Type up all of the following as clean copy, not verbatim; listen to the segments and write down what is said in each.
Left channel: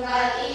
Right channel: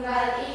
Berarti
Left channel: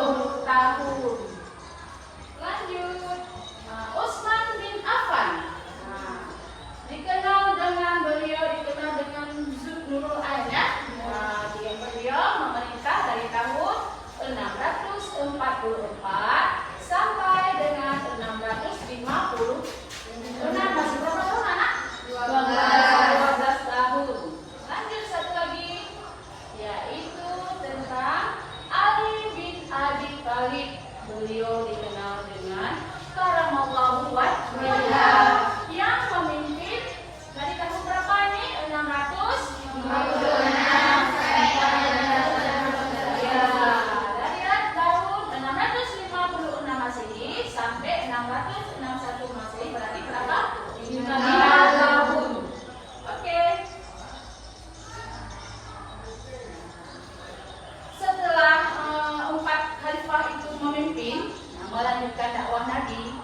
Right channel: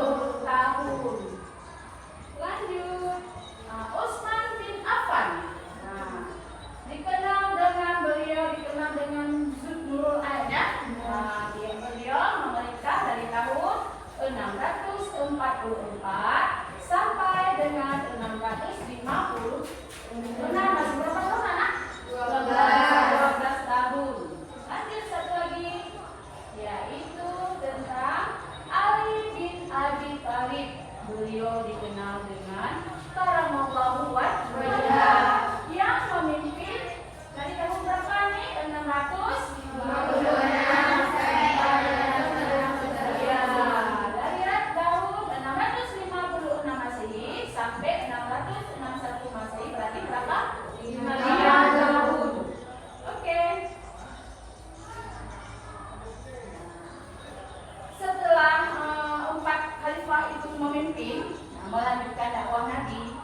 10 tahun. sampai dengan 650. Benar, masih berapa tahun anak? 12 tahun. Lanjut satu lagi, yaitu tentang Ali bin Abi Thalib. Beliau dikenal dengan karamallahu wajhah, yang memimpin dari tahun berapa ini? 656. Melanjutkan dakwah Nabi.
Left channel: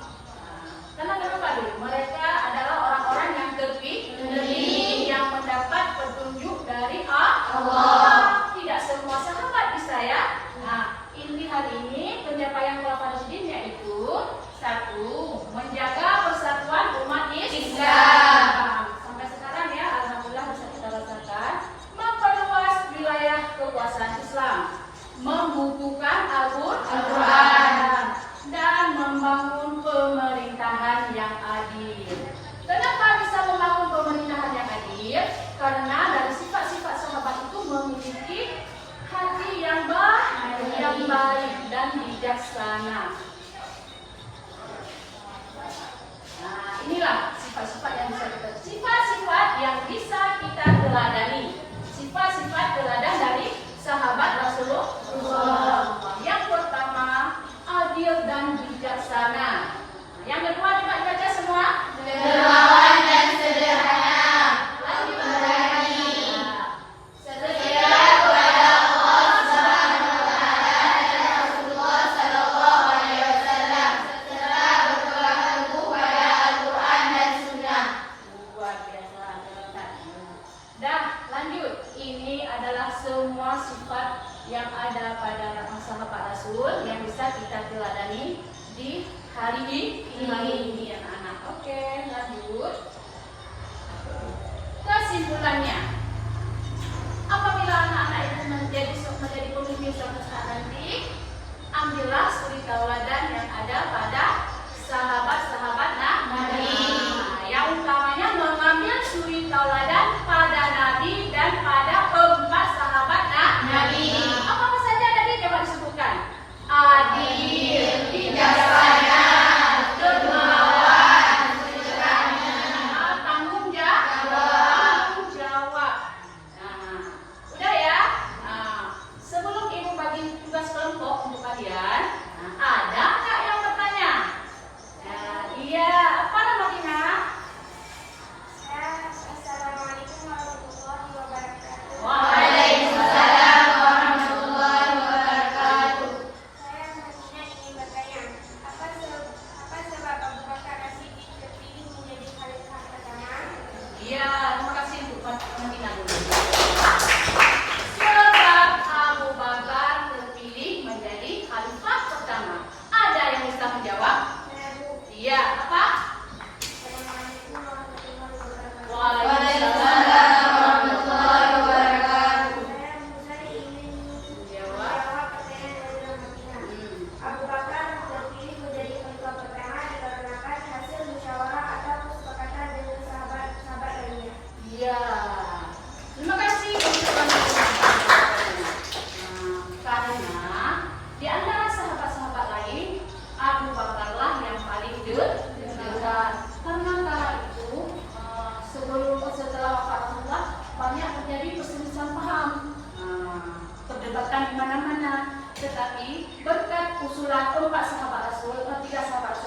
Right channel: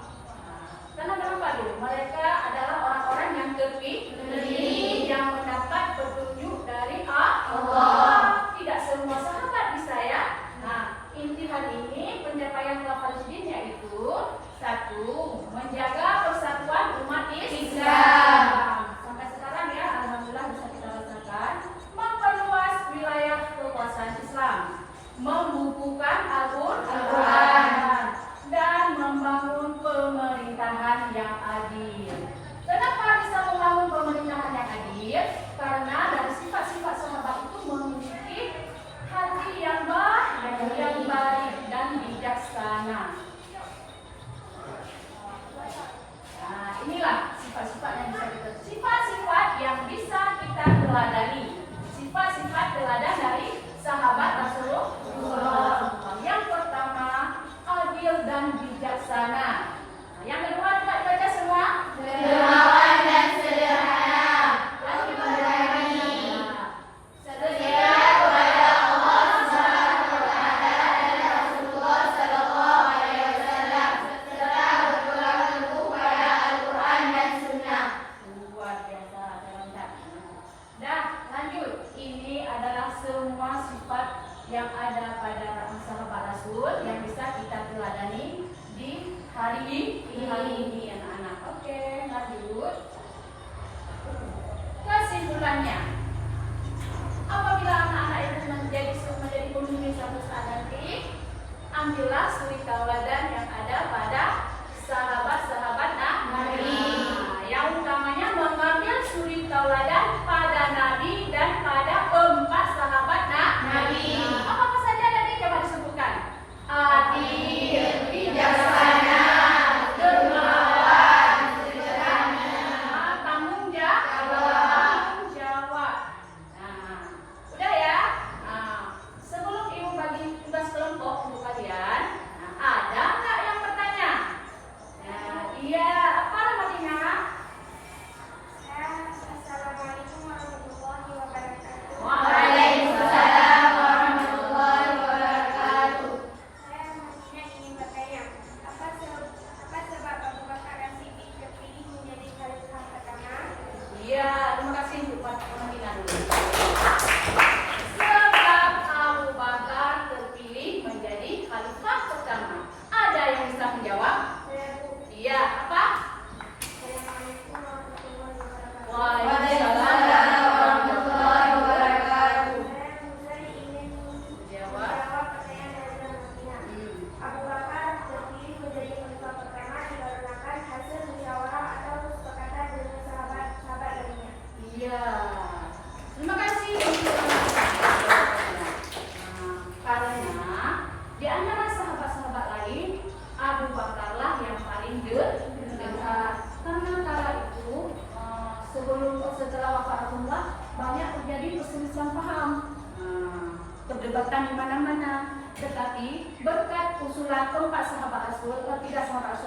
Karena kenapa dulu? Mereka adalah orang-orang yang terpilih, yang mendapat petunjuk dari Allah. Tidak semua sahabat bisa ya. Nah, inti hari ini pencapaian Al-Farsidin yaitu 1. Menjaga persatuan umat Islam. Sampai sekarang ya, alhamdulillah bisa kita rasakan. Memperluas wilayah kekuasaan Islam, membukukan Al-Quran, dan membangun pemerintahan yang adil. Kenapa bisa membangun pemerintahan yang adil? Karena dari sifat-sifat sahabat itu memiliki hati yang baik dan bijaksana. Nah, inilah sifat-sifat yang bisa kita teladani. Sifat-sifat teladan dari sahabat Rasulullah. Yang pertama, adil dan bijaksana. Yang kedua, coba dibaca semua. Dermawan dan sederhana. Lanjut berani. Setia kepada Allah Subhanahu wa taala dan Rasulullah sallallahu alaihi wasallam. Setelah berpegang teguh pada Al-Qur'an dan Sunnah. Luar biasa, teman-teman. Dah, lanjut. Ini adalah semua sifat yang ada pada sahabat Rasul yang bisa kita teladani di hari ini anak-anak. Oke, lanjut. Kesimpulannya, apabila anak-anak itu menjadi pemimpin suatu saat nanti, ambillah suri tauladan yang ada pada sahabat-sahabat Nabi. Yang utamanya mengambil suri tauladan pada Nabi dan pada 4 sahabat Nabi. Apa saja tadi? Coba disebutkan. Adil, bijaksana, dermawan, sederhana, tanggung jawab. Nah, udah ya. Nah, sebelum ibu bagi tugas kelompok untuk kalian, ada nggak yang bertanya? Nah, iya, apa namanya? Assalamualaikum warahmatullahi wabarakatuh. Waalaikumsalam warahmatullahi wabarakatuh. Saya Muhammad ingin bertanya, apa sebab Abu Bakar As-Siddiq terpilih menjadi khalifah pertama? Iya, terima kasih untuk pembimbingan dulu. Sebab Abu Bakar terpilih menjadi khalifah pertama. Ada yang bisa menjawab? Iya, apa? Assalamualaikum warahmatullahi wabarakatuh. Waalaikumsalam warahmatullahi wabarakatuh. Saya Musa ingin Menjawab. menjawab pertanyaan dari Madinah. Abu Bakar terpilih menjadi khalifah pertama dikarenakan hasil musyawarah atau kesepakatan dengan sahabat-sahabat lainnya. Iya. Terima kasih untuk jawabannya. Karena di antara sahabat-sahabat lain, Abu Bakarlah yang paling dekat. Karena kala itu setelah wafat Rasulullah banyak terjadi perselisihan paham, perdebatan di mana-mana. Tetapi berkat usulan 3 sahabat Rasul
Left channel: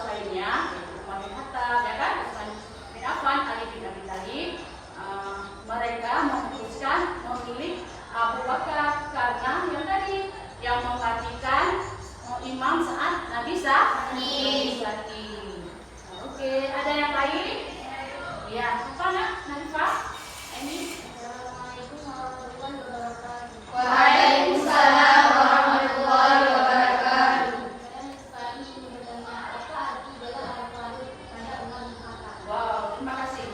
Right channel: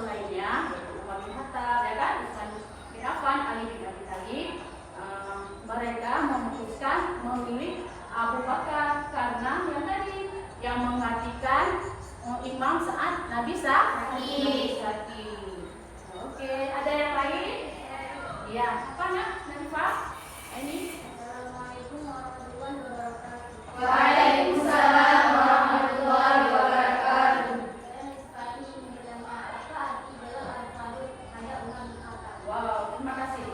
lainnya, yaitu Umar bin Khattab, ya kan, Utsman bin Affan, Ali bin Abi Thalib, mereka memutuskan memilih Abu Bakar karena yang tadi yang menggantikan imam saat Nabi sakit. Oke, ada yang lain? Ya, apa nak? Nafas? Ini. Assalamualaikum warahmatullahi wabarakatuh. Waalaikumsalam warahmatullahi wabarakatuh. Wow, terima kasih.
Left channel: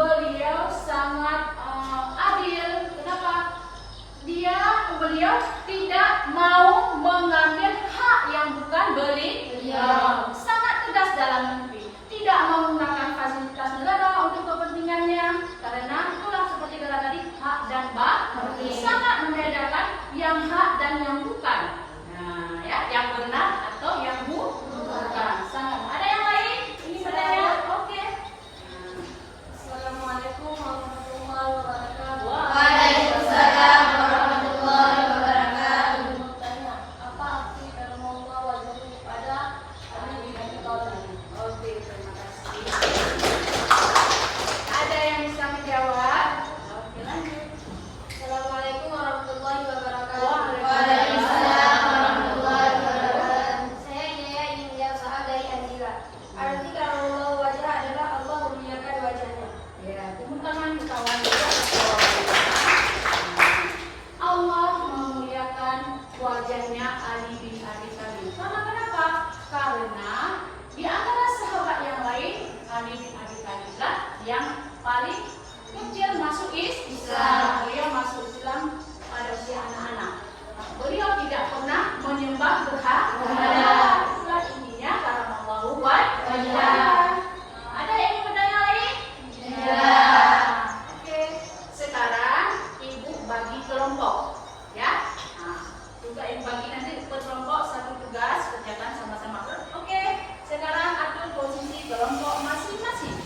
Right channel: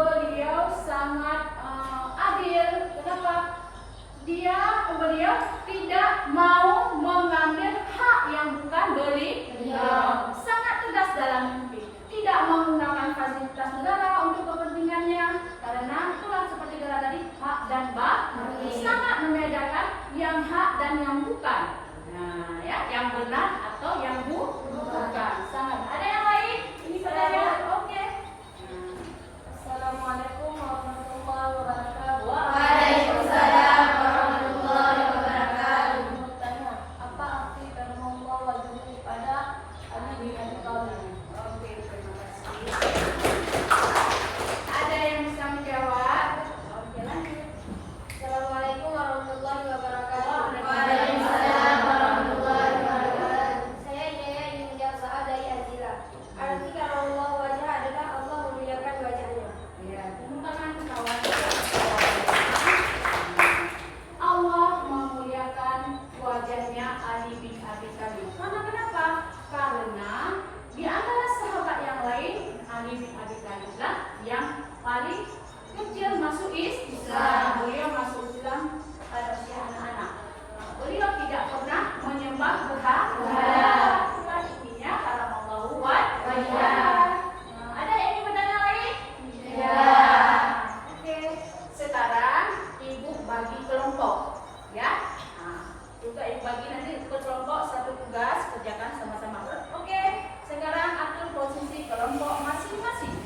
beliau sangat adil. Kenapa? Beliau tidak mau mengambil hak yang bukan beliau. Sangat tegas dalam mimpi. Tidak menggunakan fasilitas negara untuk kepentingannya. Karena itulah seperti kata tadi, hak dan batil. Sangat membedakan yang hak dan yang bukan. Nah, ya, yang benar atau yang bukan. Sangat. Ada yang lain? Ini pertanyaan. Oke. Assalamualaikum warahmatullahi wabarakatuh. Waalaikumsalam warahmatullahi wabarakatuh. Bertanya, apa arti firman Allah wajhu pada Ali bin Abi Thalib? Oke, terima kasih. Ada yang bisa menjawab? Oke, lanjut. Assalamualaikum warahmatullahi wabarakatuh. Waalaikumsalam warahmatullahi wabarakatuh. Saya Jaya India Saad dari Azira. Arti Allah wajah adalah Allah memuliakan wajahnya. Ya, tepuk tangan kita wanita. Allah memuliakan wajahnya Ali bin Abi Thalib. Karena kenapa? Karena di antara sahabat yang lain, Ali bin Abi Thalib lah yang paling kecil masuk Islam. Beliau masuk Islam pada usia anak-anak. Beliau tidak pernah menyembah berhala. Itulah intinya karena Allah wajah. Ada yang mau bertanya lain? Oke, sekarang ibu bagi kelompok, ya. Juga ibu bagi nanti per kelompok satu tugas kerjakan sama-sama. Oke, sekarang atur posisi kelompok masing-masing.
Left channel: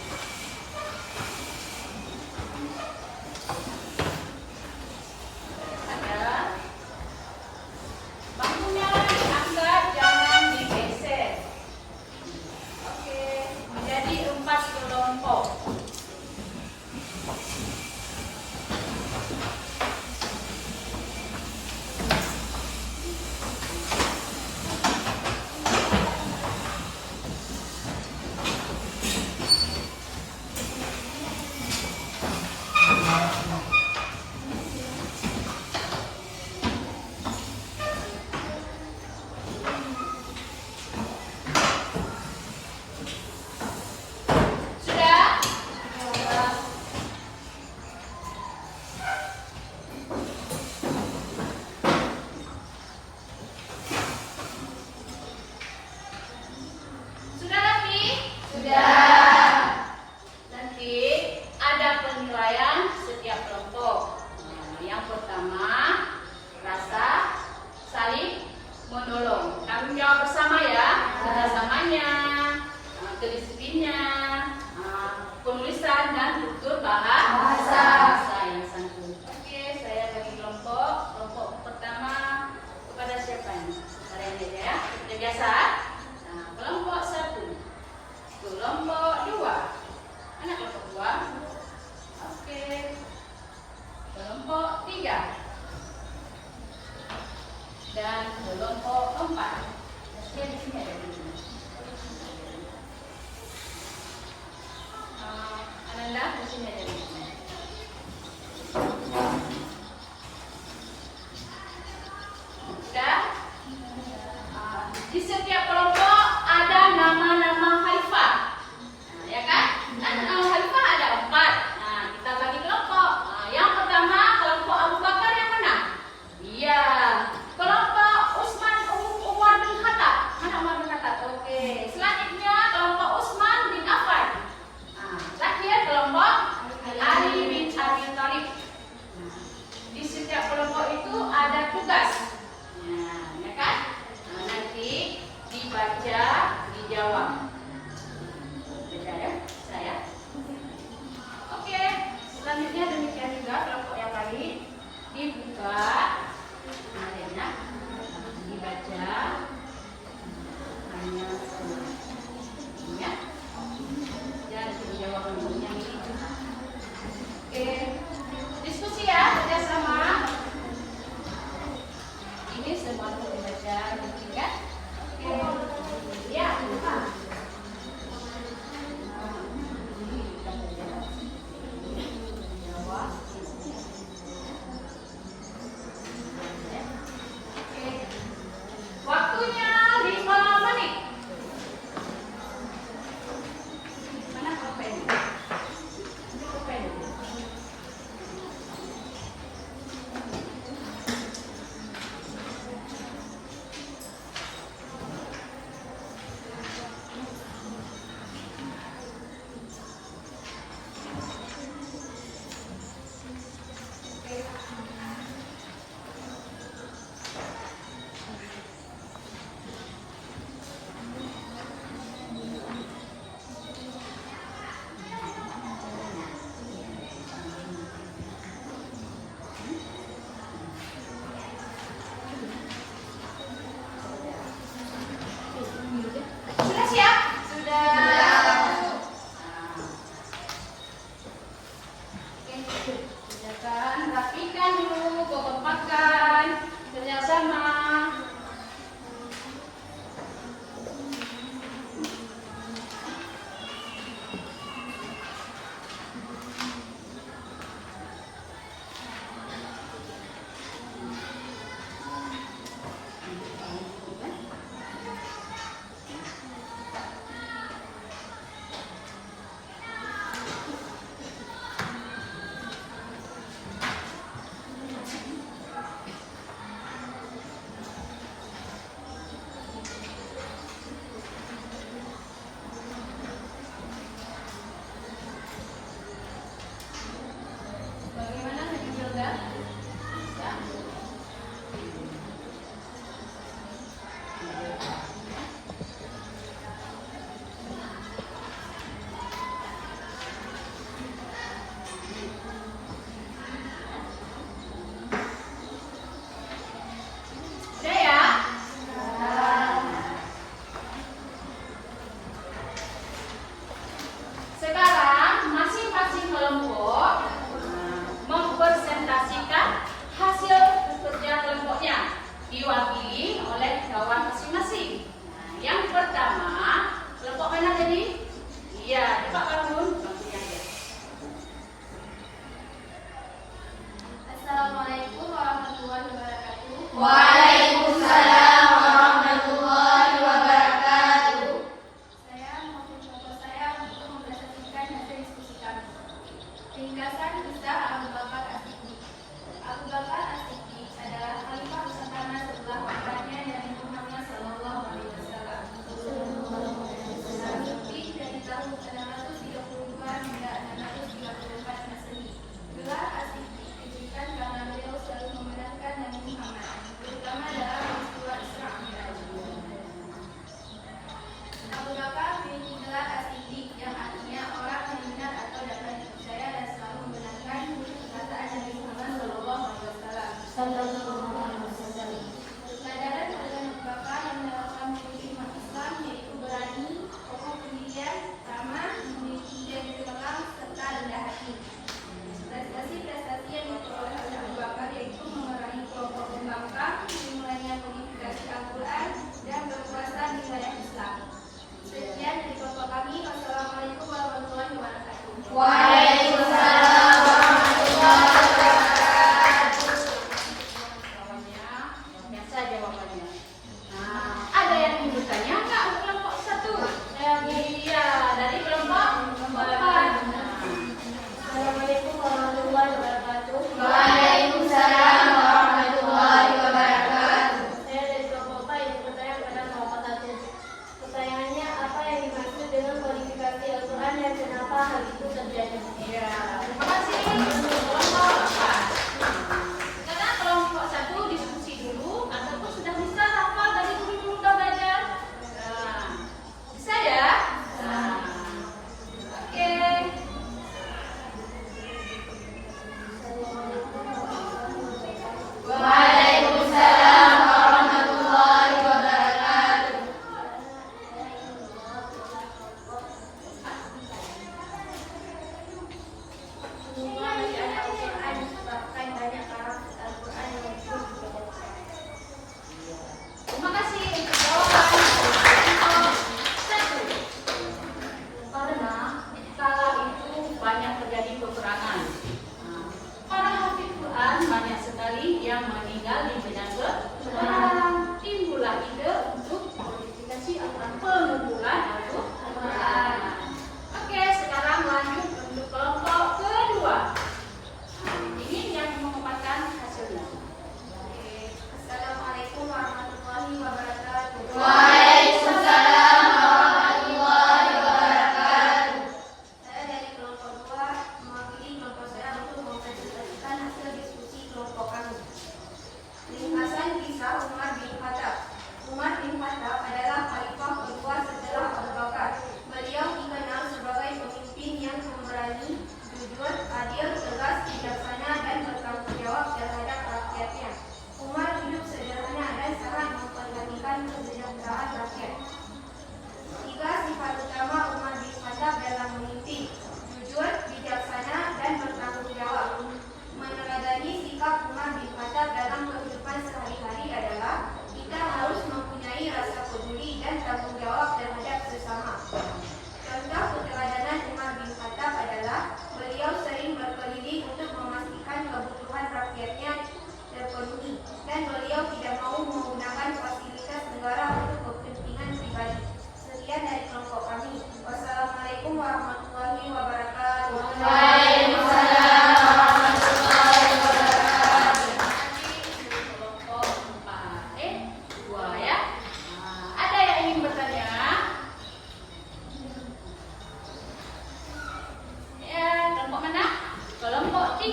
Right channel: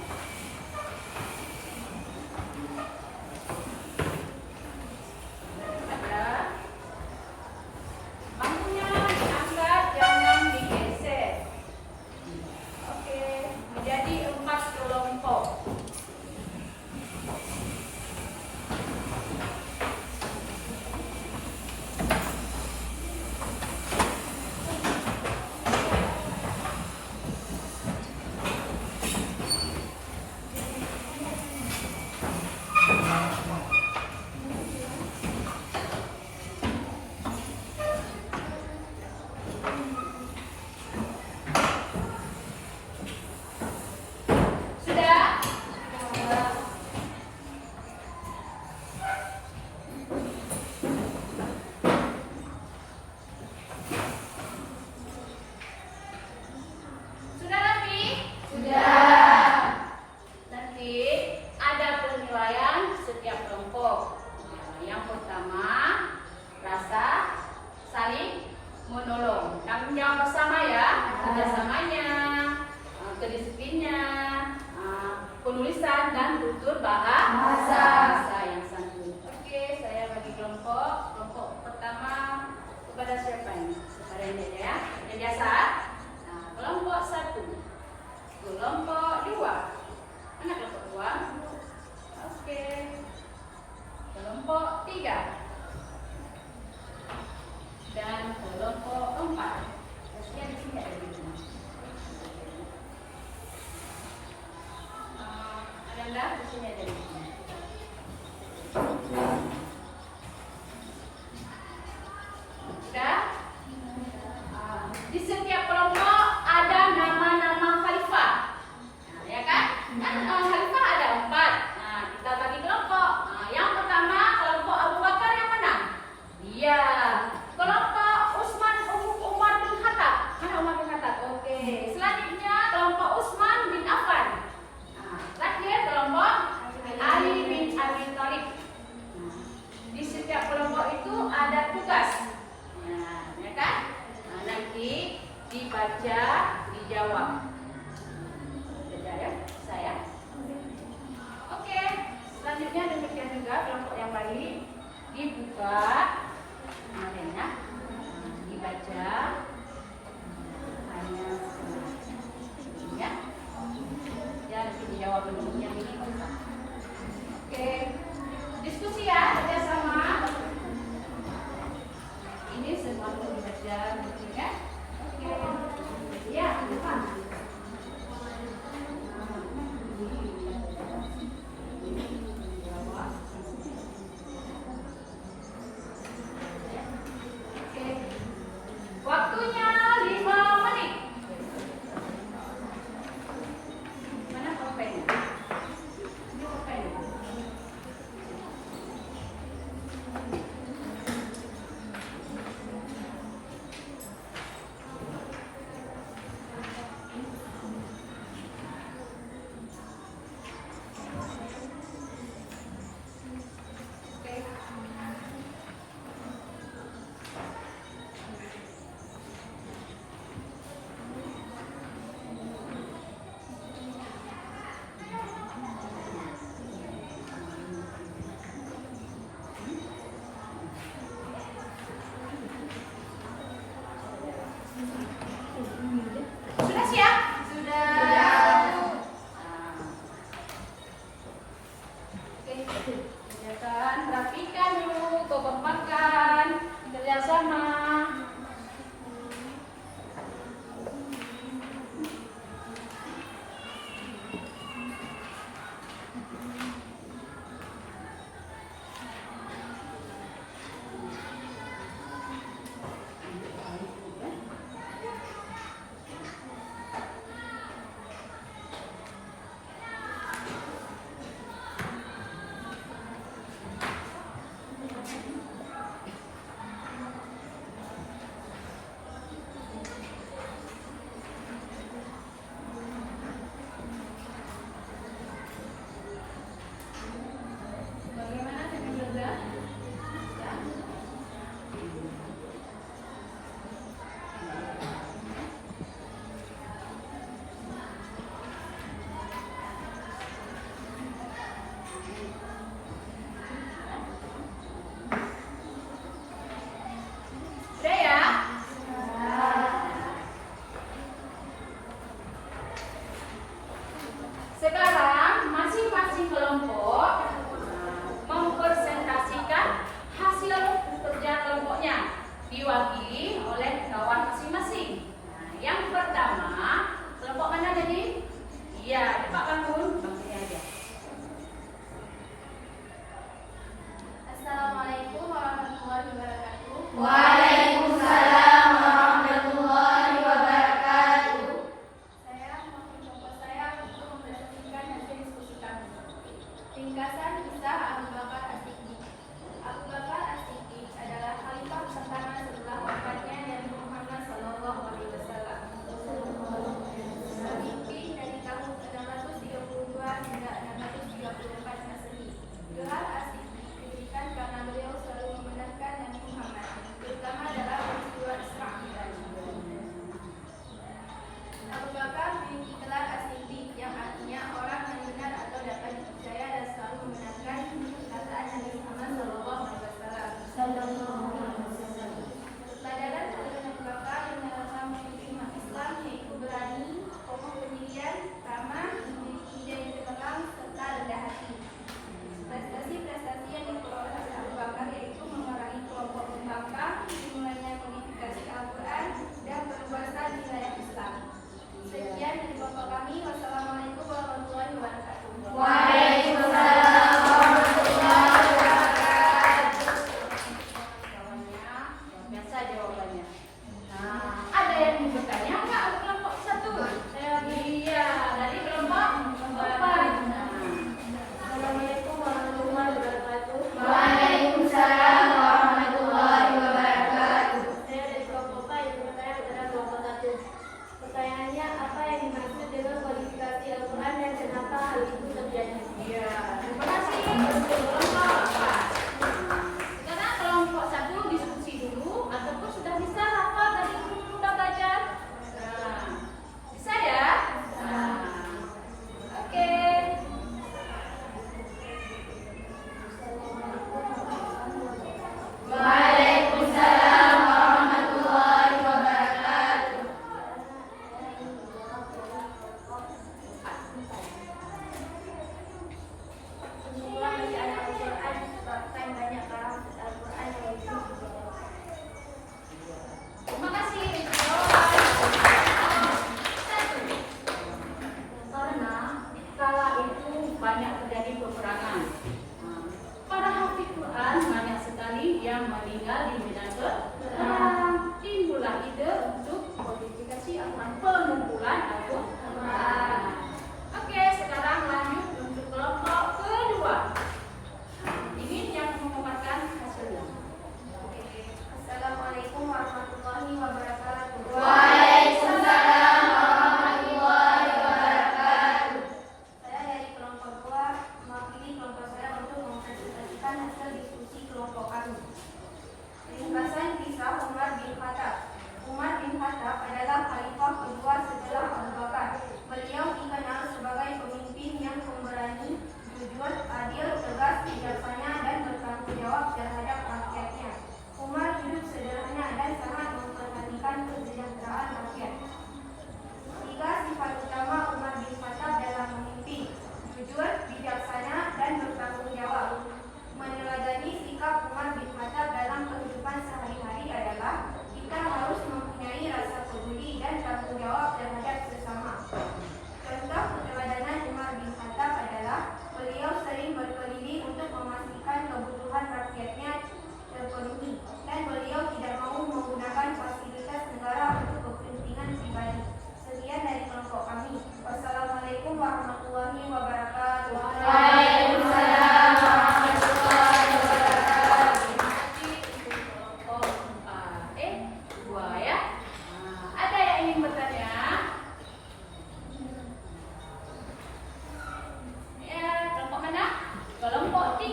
Ada bangkunya diangkat, jangan digeser. Oke, menjadi 4 kelompok. Sudah? Sudah Raffi? Sudah. Nanti ada penilaian setiap kelompok. Yang pertama, rasa saling menolong. Tanggung jawab bersama ya. Kerjasamanya, kedisiplinnya, penulisan dan tutur bahasa yang santun. Oke, saya bagi kelompok. Kelompok pertama kepada siapa ini? Kepada ini aja ya. Sudah biasa? Nah, kelompok 1, kelompok 2. Anak kelompok 2. Oke. Kelompok 3 dan kelompok 4. Saya di sini ada di sini. Ananda di sini ada di sini. Sudah? Di setiap kelompok ada nama-nama khalifah. Nah, ya kan? Khalifah ada 4. Nah, kita bagi kelompok. Yang pertama kelompok Abu Bakar yang mana? Iya. Kelompok Umar bin Khattab. Mana Umar bin Khattab? Oke. Selanjutnya kelompok Utsman bin Affan. Terakhir kelompok Ali bin Abi Thalib. Di setiap kelompok itu ada tugas. Ya kan? Nanti dibaca, dijawab. Baca ya, saya. rapikan dulu, kekompakan, kerjasama. Bagaimana dengan Hilda? Ya. Udah ya? Sekarang masing-masing kelompok mempresentasikan hasil kerja kelompoknya diwakili oleh kawan masing-masing. Nah, yang pertama, kelompok mana tadi? Iya, cepat bangun. Bangunnya aja. Assalamualaikum warahmatullahi wabarakatuh. Waalaikumsalam warahmatullahi wabarakatuh. Saya mewakili kelompok saya untuk mempresentasikan hasil diskusi kami. Ringkasan kisah Abu Bakar As-Siddiq. Abu Bakar As-Siddiq adalah khalifah pertama setelah wafatnya Nabi Muhammad SAW. Memimpin dari tahun 632 hingga 634 Masehi. Gelar As-Siddiq diberikan karena beliau selalu membenarkan Nabi Muhammad, terutama dalam peristiwa Isra Mi'raj. Abu Bakar memiliki gelar As-Siddiq yang artinya orang yang benar atau dapat dipercaya dan selalu membenarkan perkataan Nabi Muhammad SAW. Pelajaran dari Abu Bakar yang menerapkan prinsip umat Islam yaitu berani, kokoh pendirian, ramah, memiliki ide yang terbelakang, serta rendah hati. Prestasi-prestasi yang diperoleh oleh Abu Bakar yaitu memerangi kelompok pembangkang, dimulainya kodifikasi Al-Quran, dan berkuasa di wilayah Islam. Sekian dari kelompok kami. Wassalamualaikum warahmatullahi wabarakatuh. Waalaikumsalam warahmatullahi wabarakatuh. Kawannya luar biasa jawabannya. Nah, ada yang ingin bertanya nggak untuk kelompok satu? Iya, dari kelompok empat. Assalamualaikum warahmatullahi wabarakatuh. Waalaikumsalam warahmatullahi wabarakatuh. Saya dari kelompok 4 yang bertanya kepada kelompok 1. Pertanyaannya, apa yang dimaksud dengan kodifikasi Al-Quran dan kenapa hal itu terjadi? Iya, terima kasih untuk kelompok empat. Sekarang kelompok satu diskusi dulu ataupun sudah bisa hafal dari guru udah belajar. Nah, bisa ya? Nah, oke. Waalaikumsalam warahmatullahi wabarakatuh. Semua bacaan Al-Quran disebabkan banyak lafaz Al-Quran yang disebut. Terima kasih untuk jawaban kelompok satu. Karena kala itu banyak terjadi peperangan. Nah, para hafiz Quran banyak sekali yang meninggal di medan peperangan. Timbullah ide untuk kodifikasi Al-Quran, pengumpulan Al-Quran. Oke, sekarang lanjut untuk kelompok kedua. Nah, ini yang memaparkan hasilnya. Oke. Assalamualaikum warahmatullahi wabarakatuh. Waalaikumsalam warahmatullahi wabarakatuh. Saya dari kelompok 2 mewakili kelompok saya untuk mempresentasikan hasil diskusi kelompok kami. Ringkasan kisah Umar bin Khattab. Umar bin Khattab adalah khalifah kedua setelah Abu Bakar. Beliau dikenal sebagai pemimpin yang pemberani, jujur, adil, tegas, bijaksana, dan bertanggung jawab terhadap rakyatnya. Umar hidup sederhana dan sangat memperhatikan kesejahteraan rakyat. 3 sifat utama Umar bin Khattab dalam memimpin: jujur, bijaksana, dan bertanggung jawab. Meneladani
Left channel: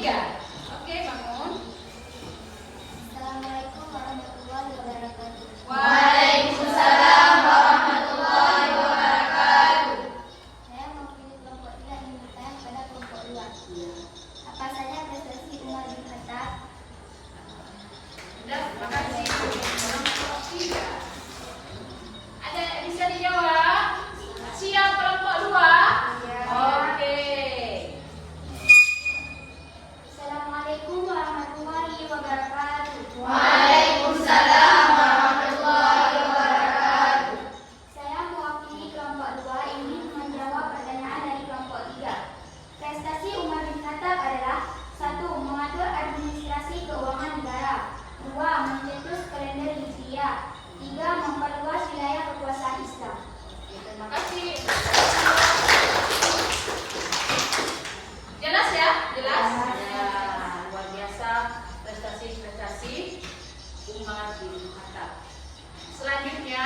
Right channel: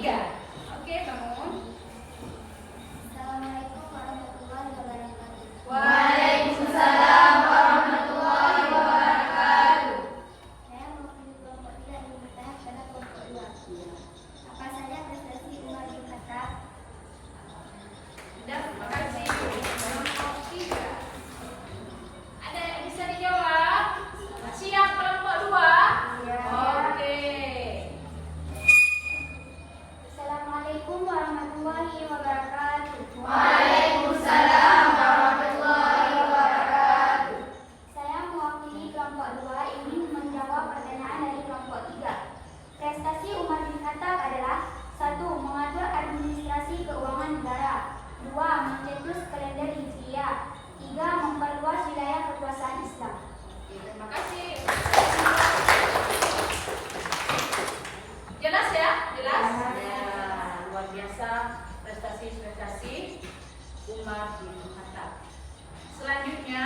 3. Oke, bangun. Assalamualaikum warahmatullahi wabarakatuh. Waalaikumsalam warahmatullahi wabarakatuh. Saya mewakili kelompok 3 ingin bertanya kepada kelompok 2. Apa saja prestasi Umar bin Khattab? Dan terima kasih. Kelompok 3. Ada yang bisa dijawab? Siap kelompok 2? Oke. Assalamualaikum warahmatullahi wabarakatuh. Waalaikumsalam warahmatullahi wabarakatuh. Saya mewakili kelompok 2 ingin menjawab pertanyaan dari kelompok 3. Prestasi Umar bin Khattab adalah 1. Mengatur administrasi keuangan negara, 2. Mencetus kalender Hijriah, 3. Memperluas wilayah kekuasaan Islam. Terima kasih. Jelas ya? Jelas? Ya, luar biasa prestasi-prestasi Umar bin Khattab. Selanjutnya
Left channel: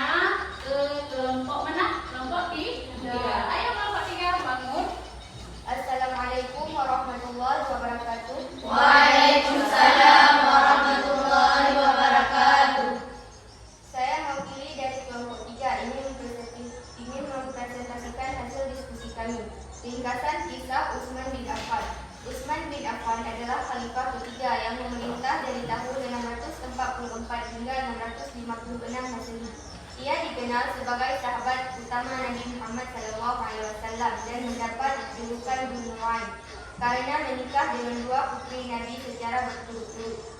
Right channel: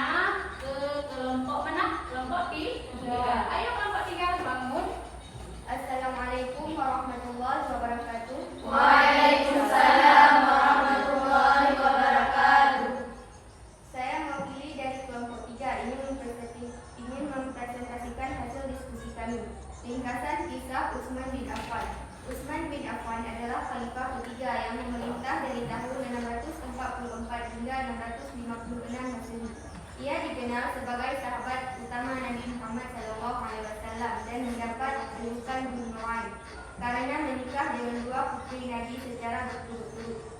ke kelompok mana? Kelompok 3. Ayo kelompok 3 bangun. Assalamualaikum warahmatullahi wabarakatuh. Waalaikumsalam warahmatullahi wabarakatuh. Saya mewakili dari kelompok 3 ingin mempresentasikan hasil diskusi kami. Ringkasan kisah Utsman bin Affan. Utsman bin Affan adalah khalifah ketiga yang memerintah dari tahun 644 hingga 656 Masehi. Ia dikenal sebagai sahabat utama Nabi Muhammad SAW dan mendapat julukan Dzunnuwain karena menikah dengan 2 putri Nabi secara berturut-turut.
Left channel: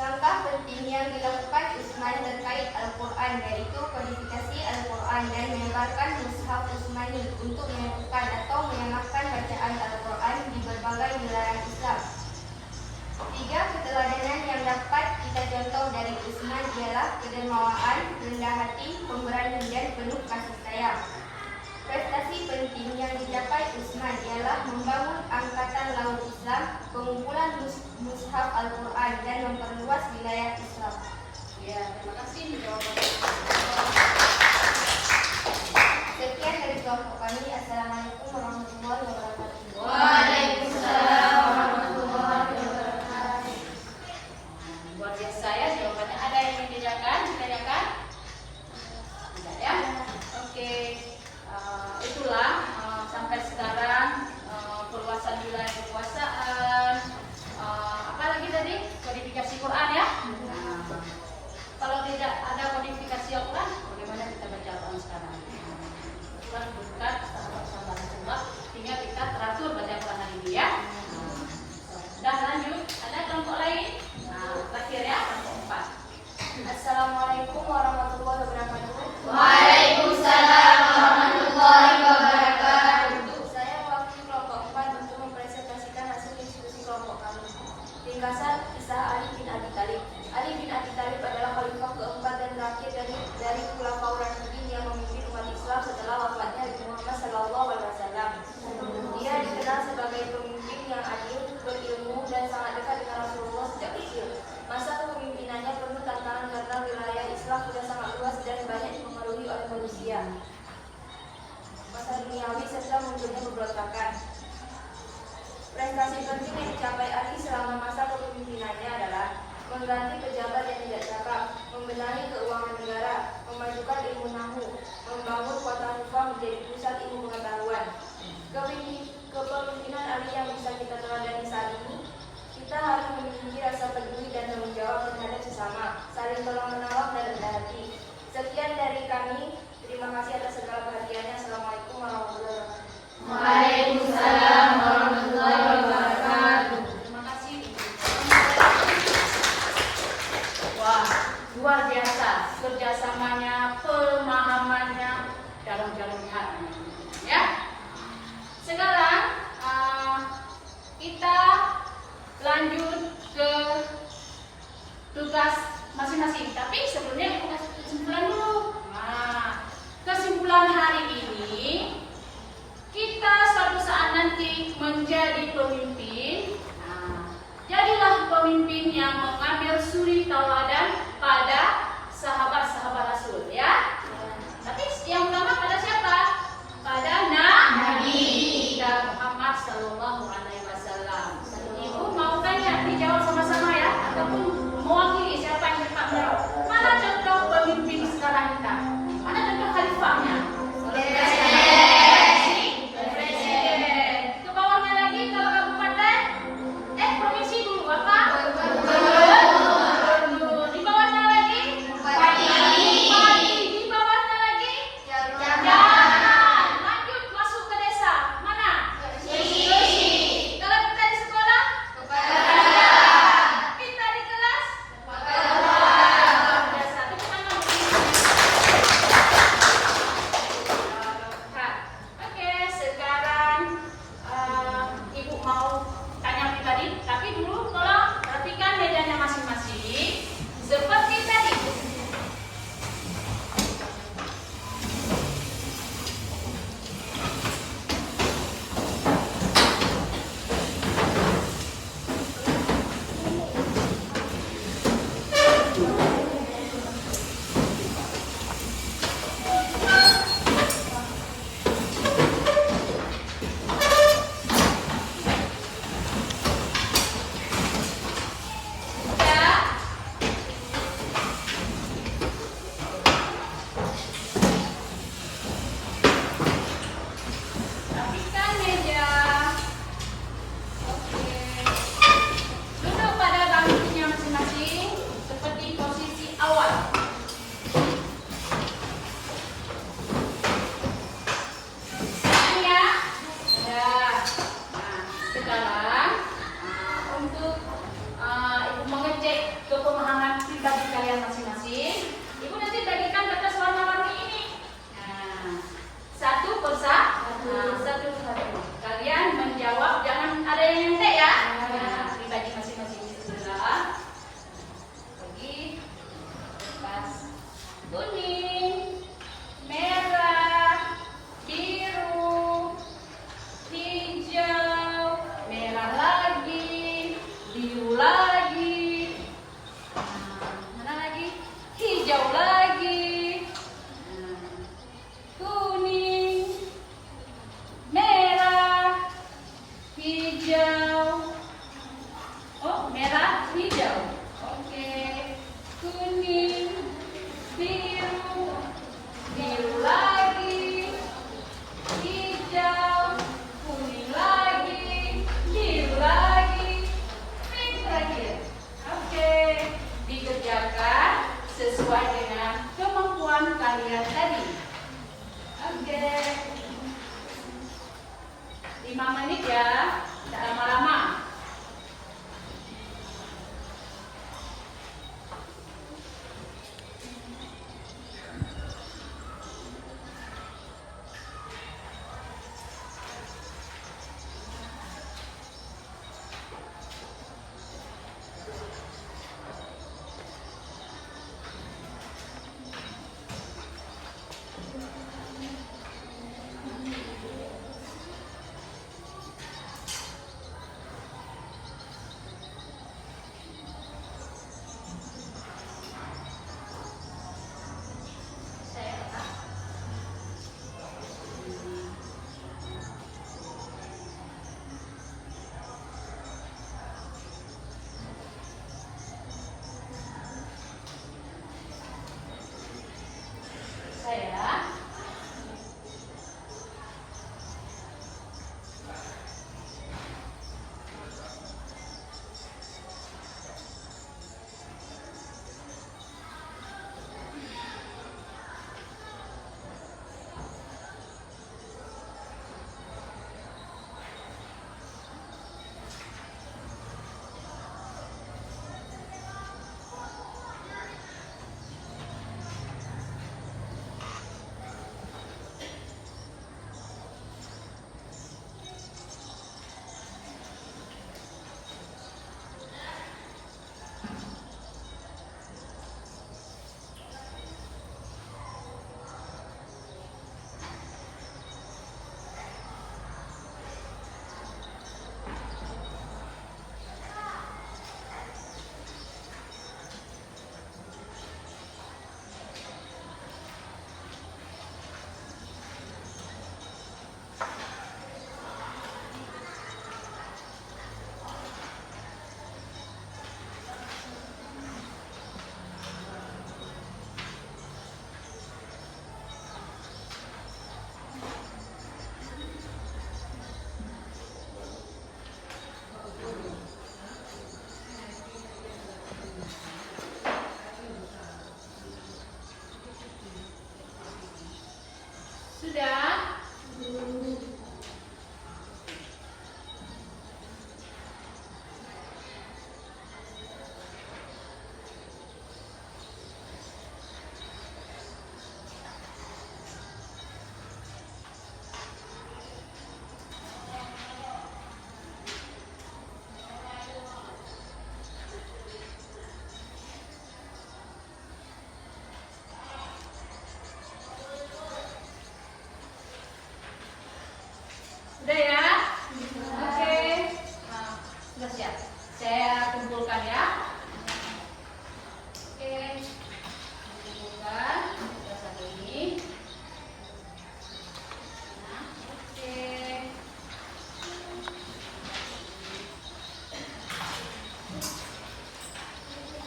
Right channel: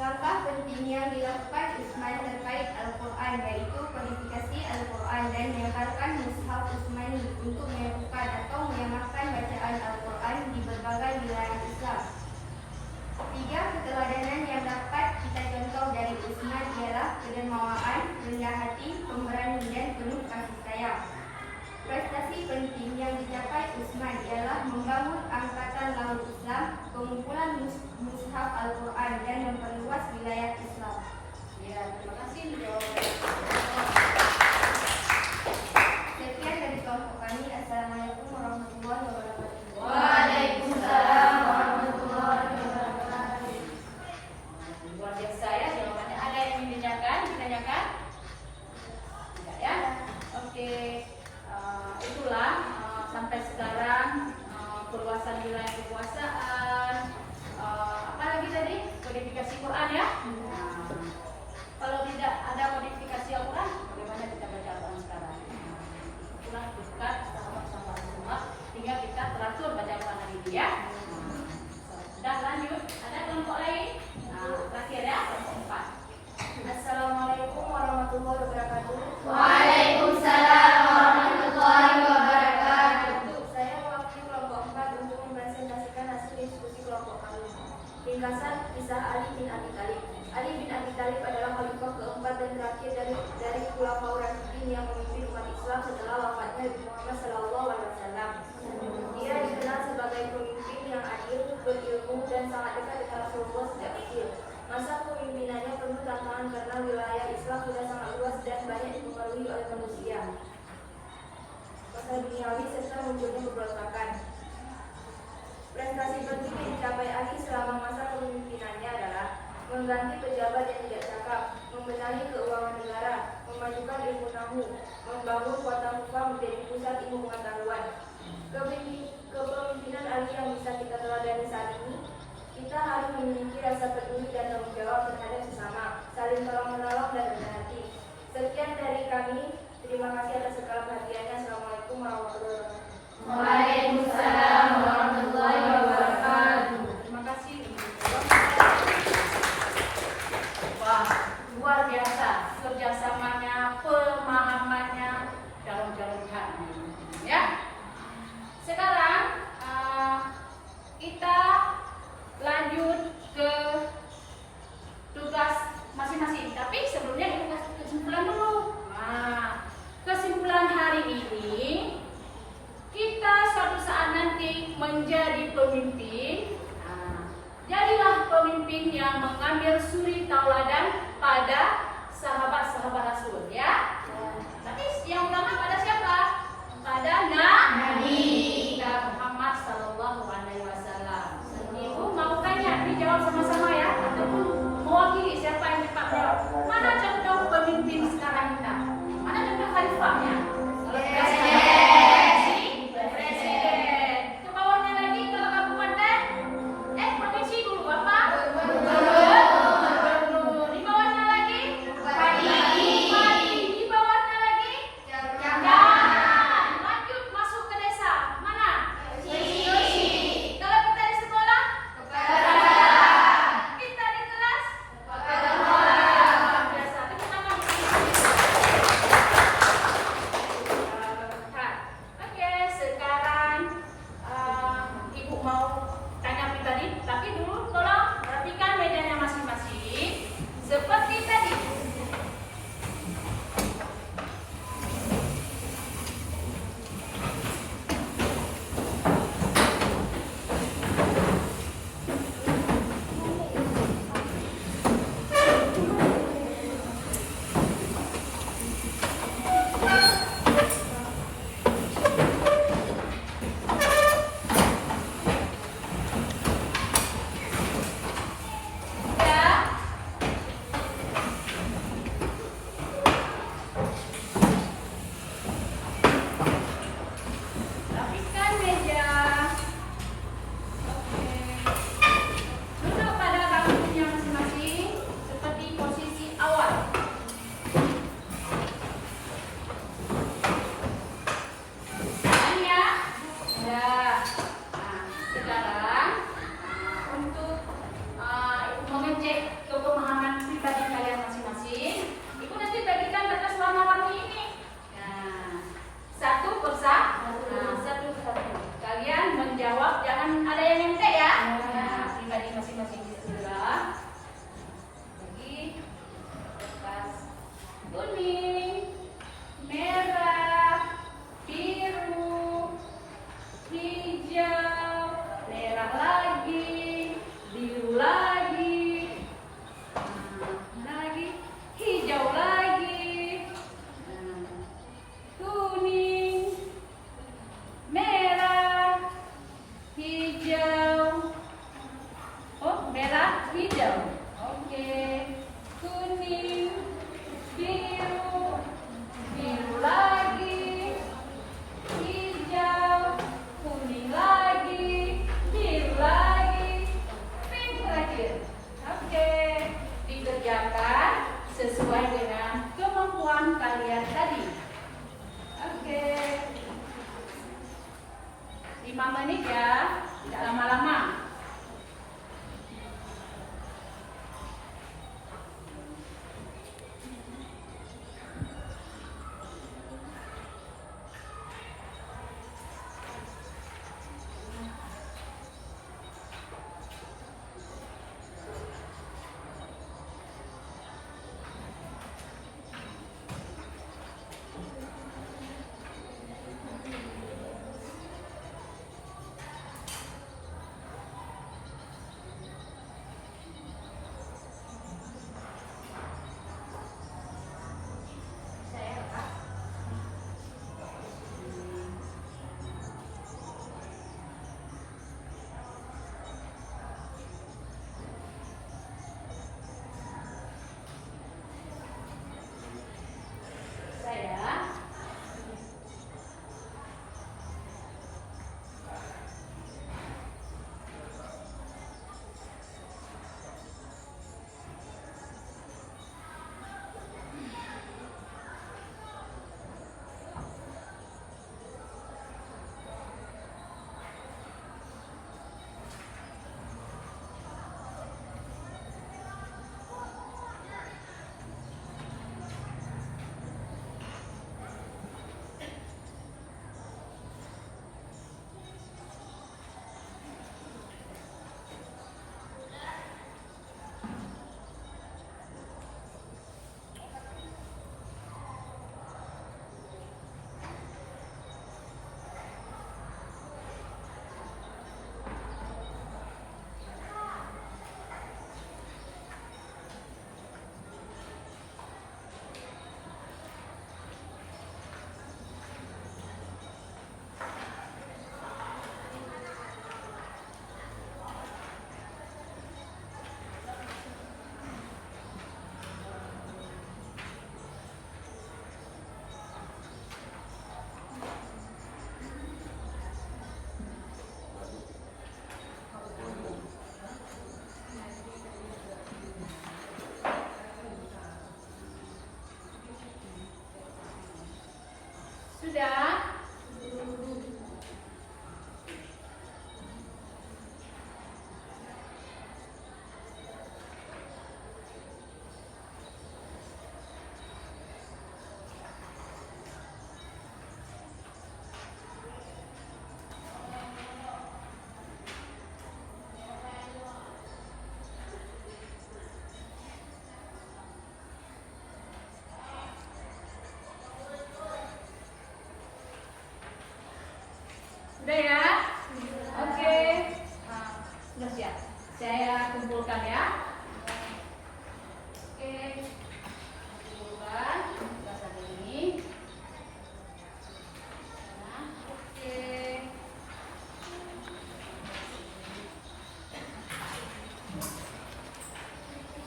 Langkah penting yang dilakukan Utsman terkait Al-Quran yaitu kodifikasi Al-Quran dan menyebarkan mushaf Utsmani untuk menyatukan atau menyamakan bacaan Al-Quran di berbagai wilayah Islam. 3 keteladanan yang dapat kita contoh dari Utsman ialah kedermawaan, rendah hati, pemberani dan penuh kasih sayang. Prestasi penting yang dicapai Utsman ialah membangun angkatan laut Islam, pengumpulan mushaf Al-Quran dan memperluas wilayah Islam. Ya, terima kasih jawabannya. Sekian dari kelompok kami. Assalamualaikum warahmatullahi wabarakatuh. Waalaikumsalam warahmatullahi wabarakatuh. Luar biasa ya jawabannya. Ada yang ingin ditanyakan? Tidak ya? Oke. Itulah sampai sekarang perluasan wilayah kekuasaan. Apa lagi tadi? Kodifikasi Quran ya. Kalau tidak ada kodifikasi Al-Quran, bagaimana kita baca Al-Quran sekarang? Itulah berkat sahabat-sahabat Rasulullah sehingga kita teratur baca Quran hari ini ya. Sudah lanjut. Ada kelompok lain? Terakhir ya, kelompok 4. Assalamualaikum warahmatullahi wabarakatuh. Waalaikumsalam warahmatullahi wabarakatuh. Saya mewakili kelompok 4 untuk mempresentasikan hasil diskusi kelompok kami. Ringkasan kisah Ali bin Abi Thalib. Ali bin Abi Thalib adalah khalifah keempat dan terakhir dari Khulafaur Rasyidin yang memimpin umat Islam setelah wafatnya Nabi Muhammad SAW. Dia dikenal sebagai pemimpin yang adil, berilmu dan sangat dekat dengan Rasulullah sejak kecil. Masa kepemimpinannya penuh tantangan karena wilayah Islam sudah sangat luas dan banyak dipengaruhi oleh manusia. Masalah duniawi serta munculnya pemberontakan. Prestasi penting yang dicapai Ali selama masa kepemimpinannya adalah mengganti pejabat yang tidak cakap, membenahi keuangan negara, memajukan ilmu nahu, membangun kota Kufah menjadi pusat ilmu pengetahuan. Kepemimpinan Ali yang bisa kita teladani saat ini, kita harus memiliki rasa peduli dan tanggung jawab terhadap sesama, saling tolong-menolong dan rendah hati. Sekian dari kami. Terima kasih atas segala perhatiannya. Assalamualaikum warahmatullahi wabarakatuh. Waalaikumsalam warahmatullahi wabarakatuh. Terima kasih. Wah, luar biasa kerjasamanya, pemahamannya dalam jalur hati. Ya. Sekarang kita lanjut ke tugas masing-masing. Tapi sebelumnya kita kasih kesimpulan dulu. Nah, kesimpulan hari ini, kita suatu saat nanti menjadi pemimpin. Nah, jadilah pemimpin yang mengambil suri tauladan pada sahabat-sahabat Rasul, ya. Tapi yang utama pada siapa? Pada Nabi kita Muhammad SAW. Sekarang untuk Ibu mengecek kepemahaman pribadi kalian masing-masing, Ibu nanti bagikan kertas warna-warni ini. Nah, satu persatu. Kalian menjawab, jangan ada yang nyontek ya. Nah, pribadi masing-masing. Bismillah. Bagi kertas kuning, merah, biru, hijau, merah lagi, biru lagi, mana lagi? Hijau lagi, kuning, merah, hijau. Oh, merah, hijau. Oke, kuning, biru, biru lagi, hijau, kuning lagi, biru lagi, pink terakhir. Oke, dikerjakan sesuai dengan kemampuan kalian tadi. Oke, 5 menit ya, tidak lama-lama. Sudah? Sudah ya? Oke. Nah, sudah siap. Saya kumpulkan ya. Oke. Kumpulkan kertas ini. Nah, oke.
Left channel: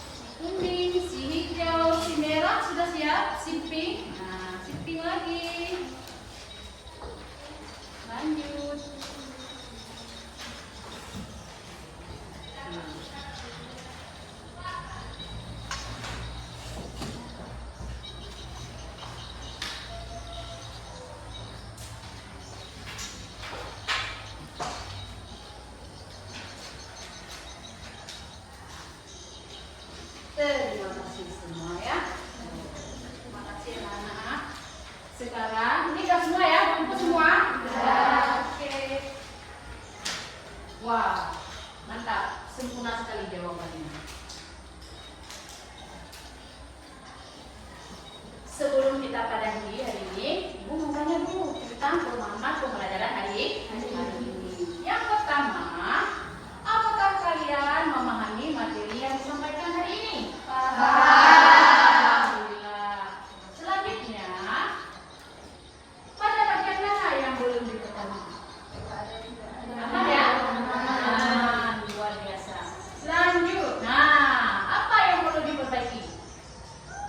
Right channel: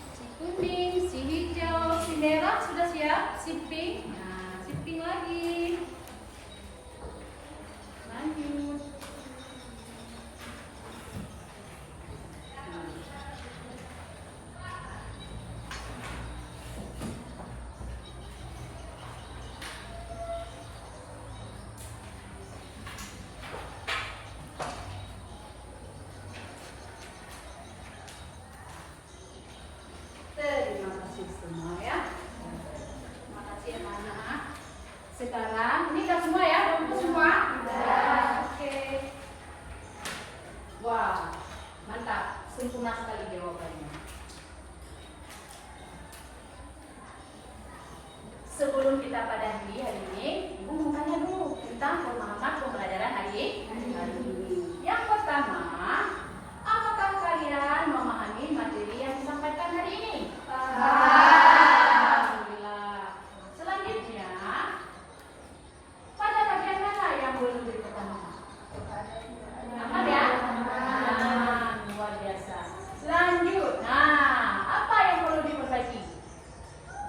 Si kuning, si hijau, si merah sudah siap. Si pink. Nah, si pink lagi. Lanjut. Wah, mantap. Sempurna sekali jawabannya. Sebelum kita pada hari ini, Ibu mau tanya dulu tentang pemahaman pembelajaran hari ini. Yang pertama, apakah kalian memahami materi yang disampaikan hari ini? Alhamdulillah. Selanjutnya, pada bagian mana yang belum diketahui? Apa ya? Luar biasa. Lanjut. Apa yang perlu diperbaiki?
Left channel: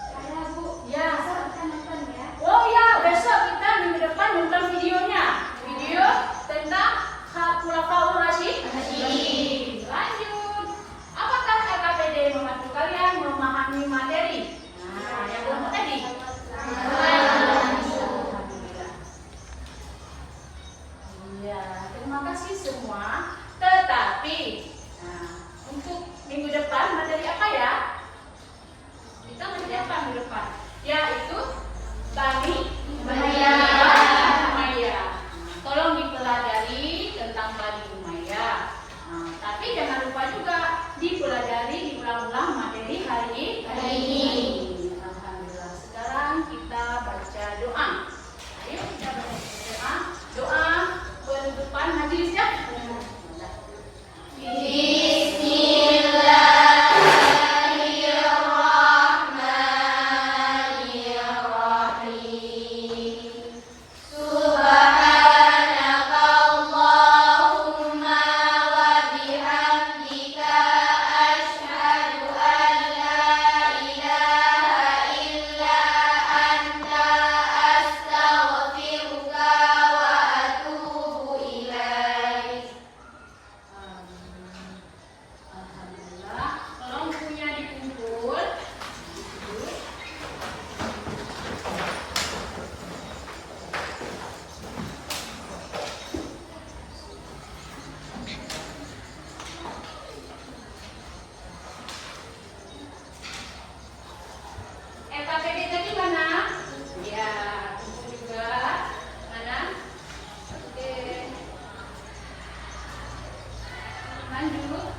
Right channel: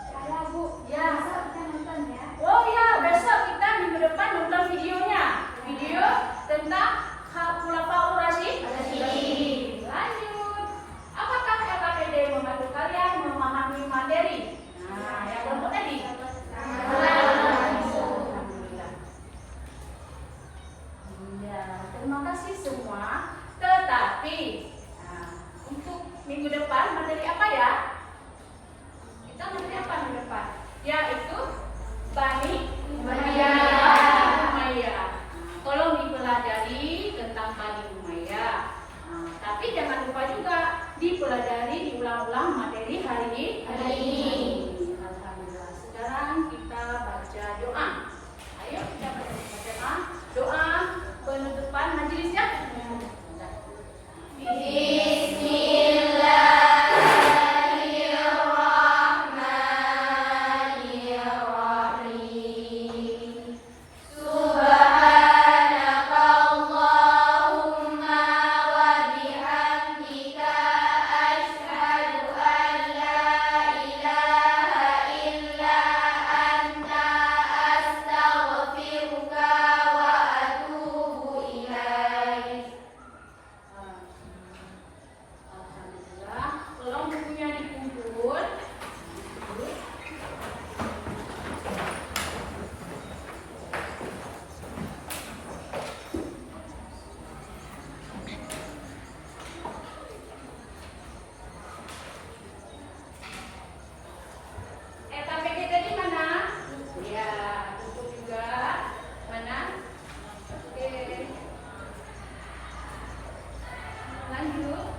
Saya Bu, Ya. besok kita nonton ya. Oh ya, besok kita minggu depan nonton videonya. Video tentang Khulafaur Rasyidin. Lanjut. Apakah LKPD membantu kalian memahami materi? Yang kelompok tadi. Alhamdulillah. Ya, terima kasih semua. Tetapi untuk minggu depan materi apa ya? Kita materi apa minggu depan? Yaitu Bani Umayyah. Tolong dipelajari tentang Bani Umayyah. Tapi jangan lupa juga dipelajari, diulang-ulang materi hari ini. Alhamdulillah. Sekarang kita baca doa. Ayo kita baca doa. Doa penutupan majelisnya. Bismillahirrahmanirrahim. Subhanakallahumma wa bihamdika asyhadu an la ilaha illa anta astaghfiruka wa atubu ilaik. Alhamdulillah. Tolong bukunya dikumpul. LKPD tadi mana? Ya, tunggu juga. Mana? Oke. Lanjut.